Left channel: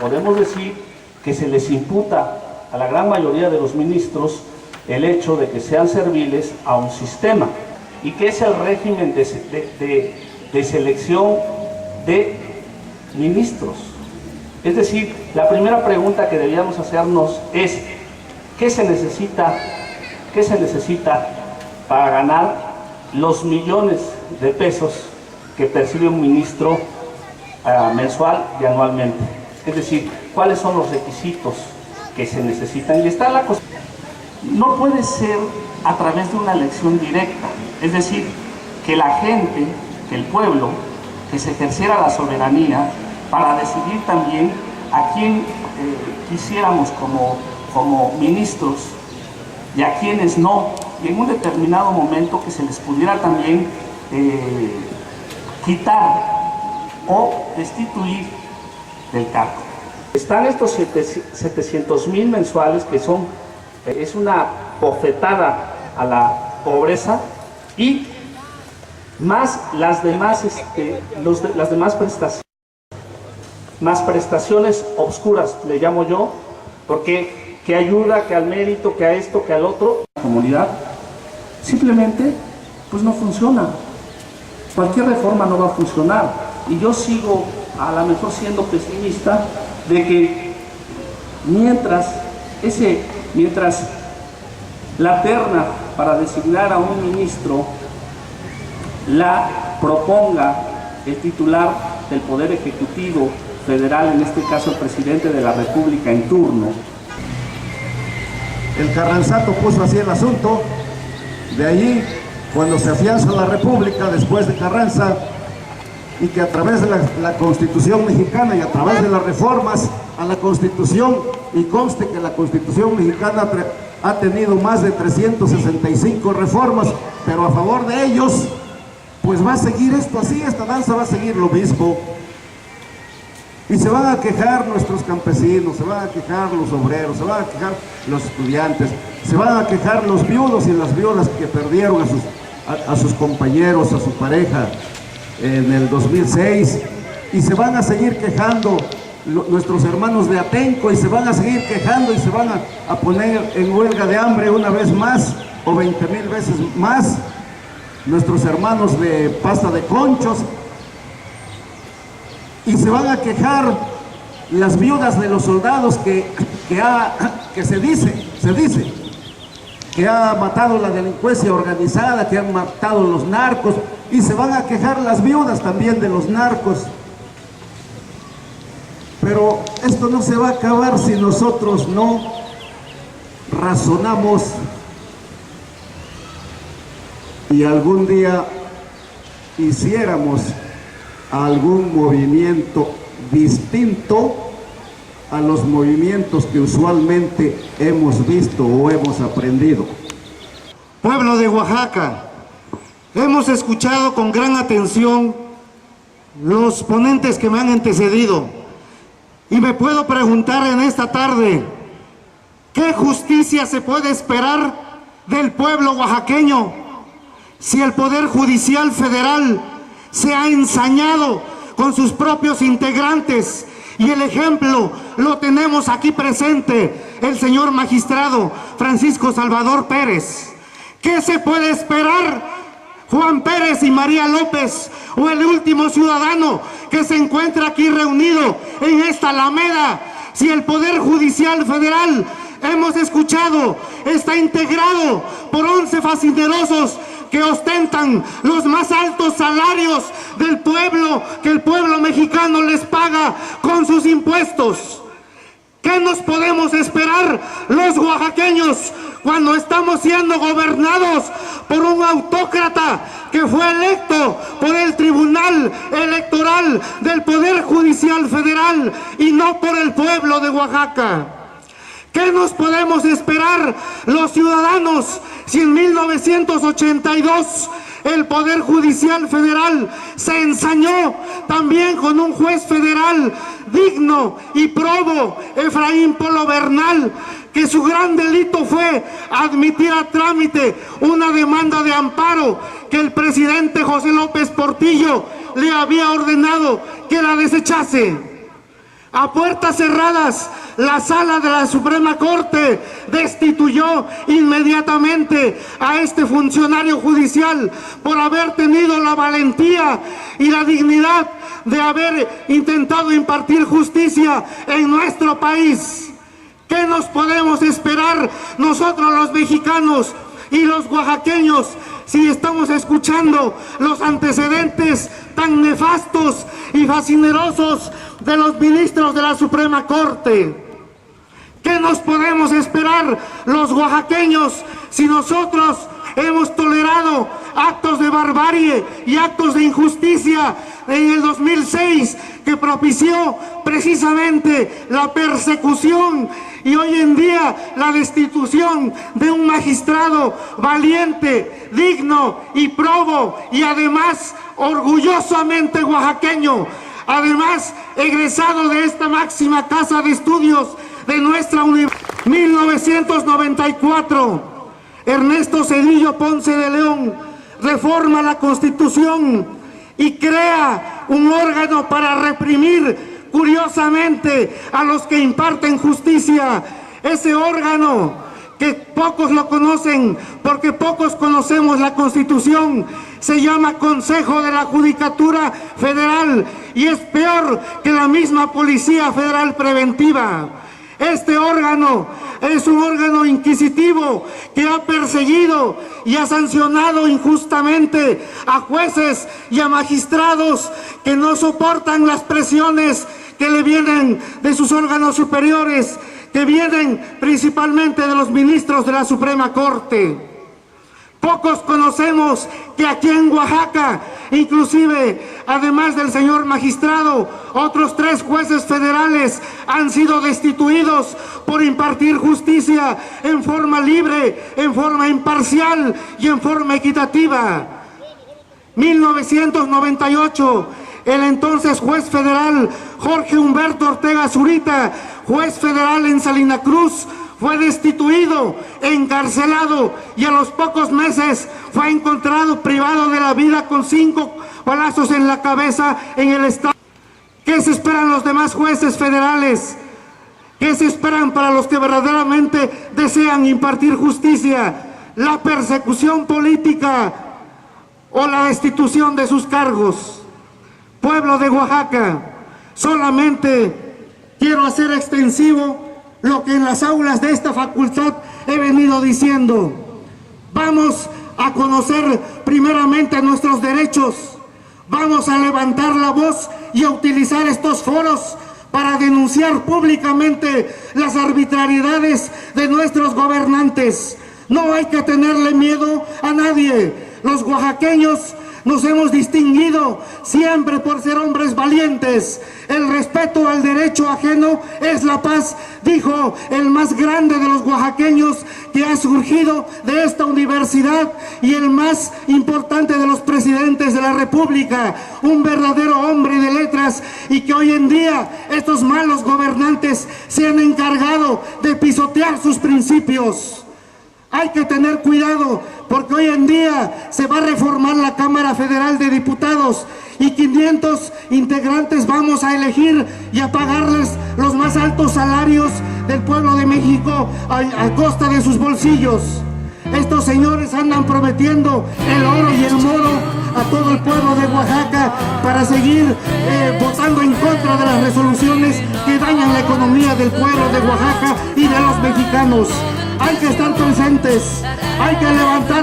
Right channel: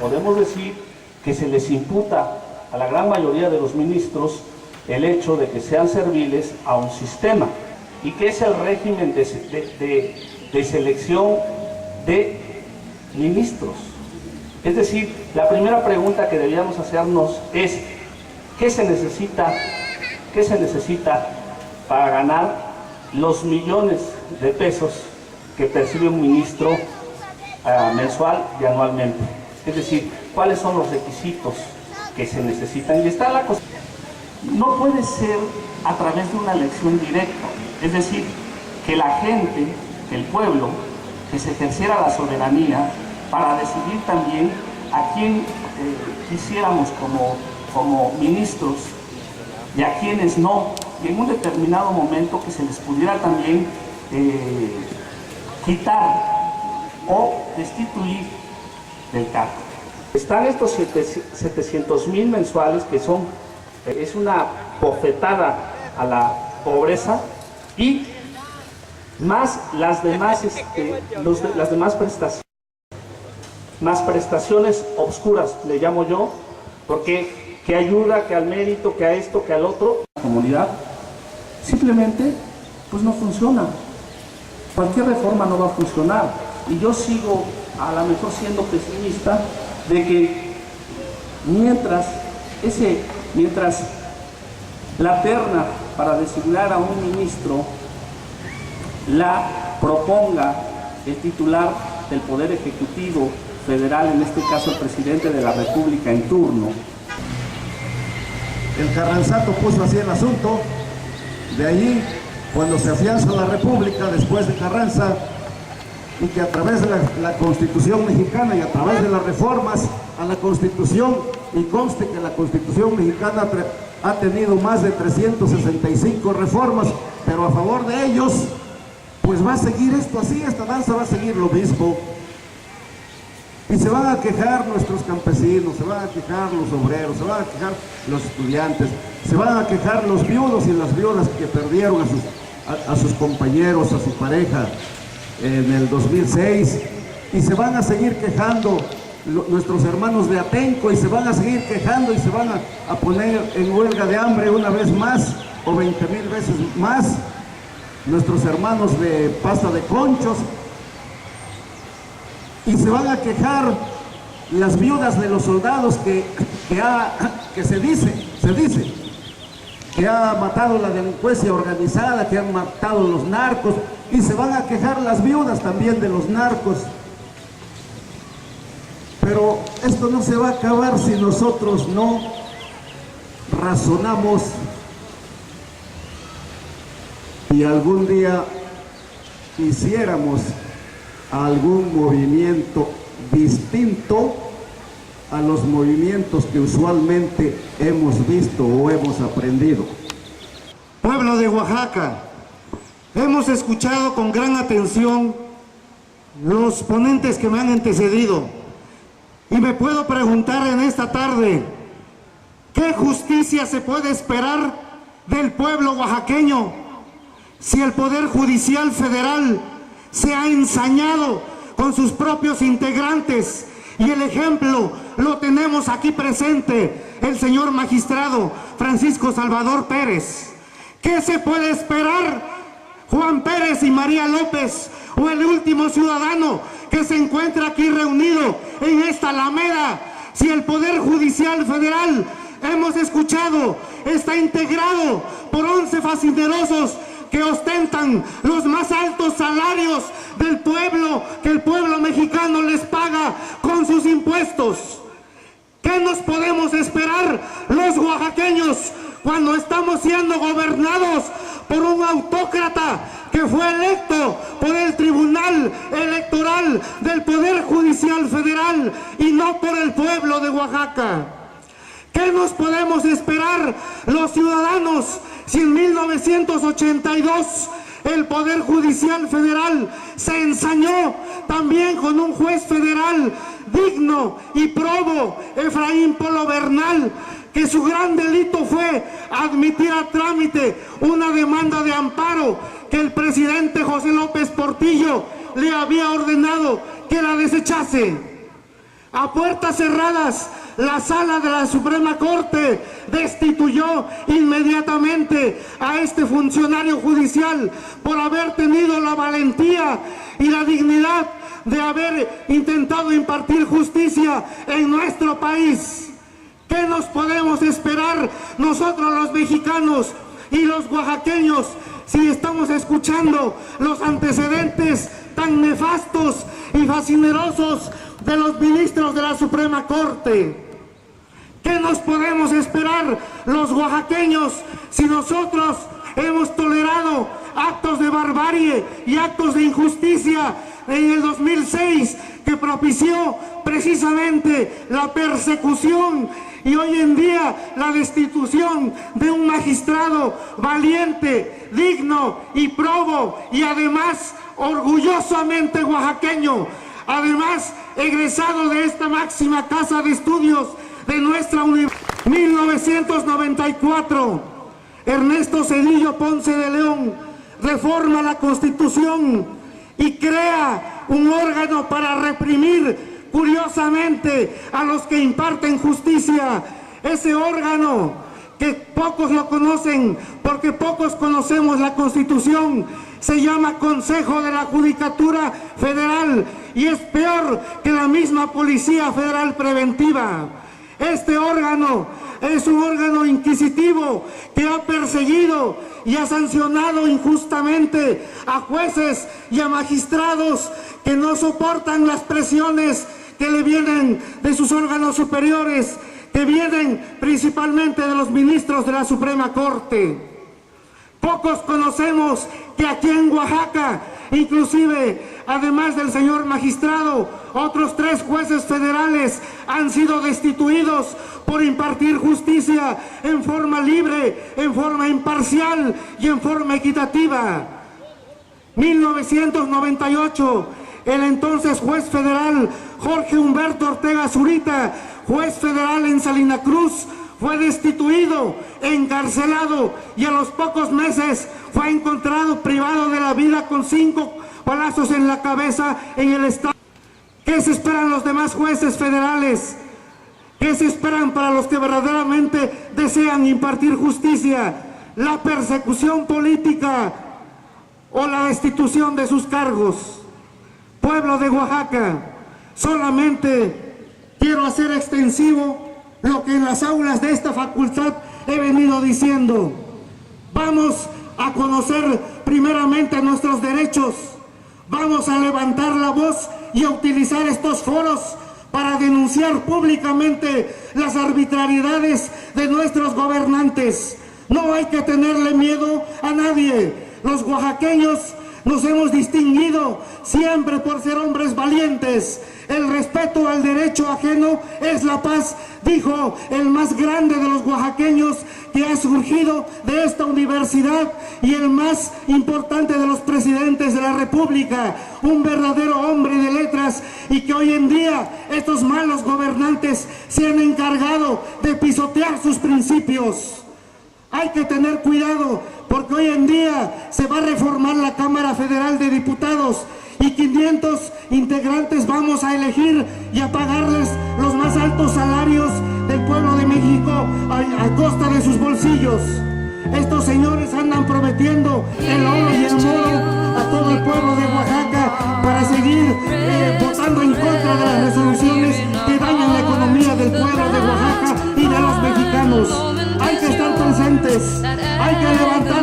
podemos decir que se les imputa a la gran mayoría de los ministros el hecho de que sean serviles a un sistema, y que es el régimen de selección de ministros. Es decir, la primera pregunta que debíamos hacernos es: ¿qué se necesita para ganar los millones de pesos que percibe un ministro mensual y anualmente? Es decir, ¿cuáles son los requisitos que se necesitan? Y está la cosa. No puede ser a través de una elección directa, es decir, que la gente, que el pueblo, que se ejerciera la soberanía para decidir también a quién quisiéramos como ministros y a quienes no, y en un determinado momento que se les pudiera también quitar o destituir del cargo. Están estos 700,000 mensuales que es una bofetada a la pobreza, y más las demás, las demás prestaciones, más prestaciones obscuras, le llamo yo, porque que ayuda, que al mérito, que a esto, que al otro, la comunidad, simplemente pues no funciona. Cualquier reforma no va a funcionar, y yo sigo a lo mejor siendo pesimista de que mientras la terna para designar a un ministro la proponga el titular del Poder Ejecutivo Federal, en este caso el presidente de la República en turno. El Carranzato puso así el asunto. De allí, cuando se afianza la República después de Carranza, y que a través de la Constitución mexicana y a través de las reformas a la Constitución, y conste que la Constitución mexicana ha tenido más de 365 reformas, pero a favor de ellos, pues va a seguir esto así, esta danza va a seguir lo mismo. Y se van a quejar nuestros campesinos, se van a quejar los obreros, se van a quejar los estudiantes, se van a quejar los viudos y las viudas que perdieron a sus compañeros, a su pareja en el 2006, y se van a seguir quejando nuestros hermanos de Atenco, y se van a seguir quejando y se van a poner en huelga de hambre una vez más, o 20,000 veces más, nuestros hermanos de Pasta de Conchos, y se van a quejar las viudas de los soldados que se dice que ha matado la delincuencia organizada, que han matado los narcos, y se van a quejar las viudas también de los narcos. Pero esto no se va a acabar si nosotros no razonamos y algún día hiciéramos algún movimiento distinto a los movimientos que usualmente hemos visto o hemos aprendido. Pueblo de Oaxaca, hemos escuchado con gran atención los ponentes que me han antecedido, y me puedo preguntar en esta tarde, ¿qué justicia se puede esperar del pueblo oaxaqueño si el Poder Judicial Federal se ha ensañado con sus propios integrantes? Y el ejemplo lo tenemos aquí presente, el señor magistrado Francisco Salvador Pérez. ¿Qué se puede esperar Juan Pérez y María López, o el último ciudadano que se encuentra aquí reunido en esta alameda, si el Poder Judicial Federal, hemos escuchado, está integrado por 11 facinerosos que ostentan los más altos salarios del pueblo, que el pueblo mexicano les paga con sus impuestos? ¿Qué nos podemos esperar los oaxaqueños cuando estamos siendo gobernados por un autócrata que fue electo por el Tribunal Electoral del Poder Judicial Federal y no por el pueblo de Oaxaca? ¿Qué nos podemos esperar los ciudadanos si en 1982 el Poder Judicial Federal se ensañó también con un juez federal digno y probo, Efraín Polo Bernal, que su gran delito fue admitir a trámite una demanda de amparo que el presidente José López Portillo le había ordenado que la desechase? A puertas cerradas, la sala de la Suprema Corte destituyó inmediatamente a este funcionario judicial por haber tenido la valentía y la dignidad de haber intentado impartir justicia en nuestro país. ¿Qué nos podemos esperar nosotros los mexicanos y los oaxaqueños si estamos escuchando los antecedentes tan nefastos y fascinerosos de los ministros de la Suprema Corte? ¿Qué nos podemos esperar los oaxaqueños si nosotros hemos tolerado actos de barbarie y actos de injusticia en el 2006 que propició precisamente la persecución y hoy en día la destitución de un magistrado valiente, digno y probo y además orgullosamente oaxaqueño, además egresado de esta máxima casa de estudios de nuestra universidad? 1994, Ernesto Zedillo Ponce de León reforma la Constitución y crea un órgano para reprimir curiosamente a los que imparten justicia. Ese órgano que pocos lo conocen porque pocos conocemos la Constitución se llama Consejo de la Judicatura Federal y es peor que la misma Policía Federal Preventiva. Este órgano es un órgano inquisitivo que ha perseguido y ha sancionado injustamente a jueces y a magistrados que no soportan las presiones que le vienen de sus órganos superiores, que vienen principalmente de los ministros de la Suprema Corte. Pocos conocemos que aquí en Oaxaca, inclusive, además del señor magistrado, otros 3 jueces federales han sido destituidos por impartir justicia en forma libre, en forma imparcial y en forma equitativa. 1998, el entonces juez federal Jorge Humberto Ortega Zurita, juez federal en Salina Cruz, fue destituido, encarcelado y a los pocos meses fue encontrado privado de la vida con 5 balazos en la cabeza en el estado. ¿Qué se esperan los demás jueces federales? ¿Qué se esperan para los que verdaderamente desean impartir justicia? ¿La persecución política o la destitución de sus cargos? Pueblo de Oaxaca, solamente quiero hacer extensivo lo que en las aulas de esta facultad he venido diciendo. Vamos a conocer primeramente nuestros derechos, vamos a levantar la voz y a utilizar estos foros para denunciar públicamente las arbitrariedades de nuestros gobernantes. No hay que tenerle miedo a nadie. Los oaxaqueños nos hemos distinguido siempre por ser hombres valientes. El respeto al derecho ajeno es la paz, dijo el más grande de los oaxaqueños que ha surgido de esta universidad y el más importante de los presidentes de la República, un verdadero hombre de letras, y que hoy en día estos malos gobernantes se han encargado de pisotear sus principios. Hay que tener cuidado porque hoy en día se va a reformar la Cámara Federal de Diputados y 500 integrantes vamos a elegir y a pagarles los más altos salarios del pueblo de México a costa de sus bolsillos. Estos señores andan prometiendo el oro y el moro a todo el pueblo de Oaxaca para seguir votando en contra de las resoluciones que dañan la economía del pueblo de Oaxaca y de los mexicanos. Hay que estar presentes, hay que levantar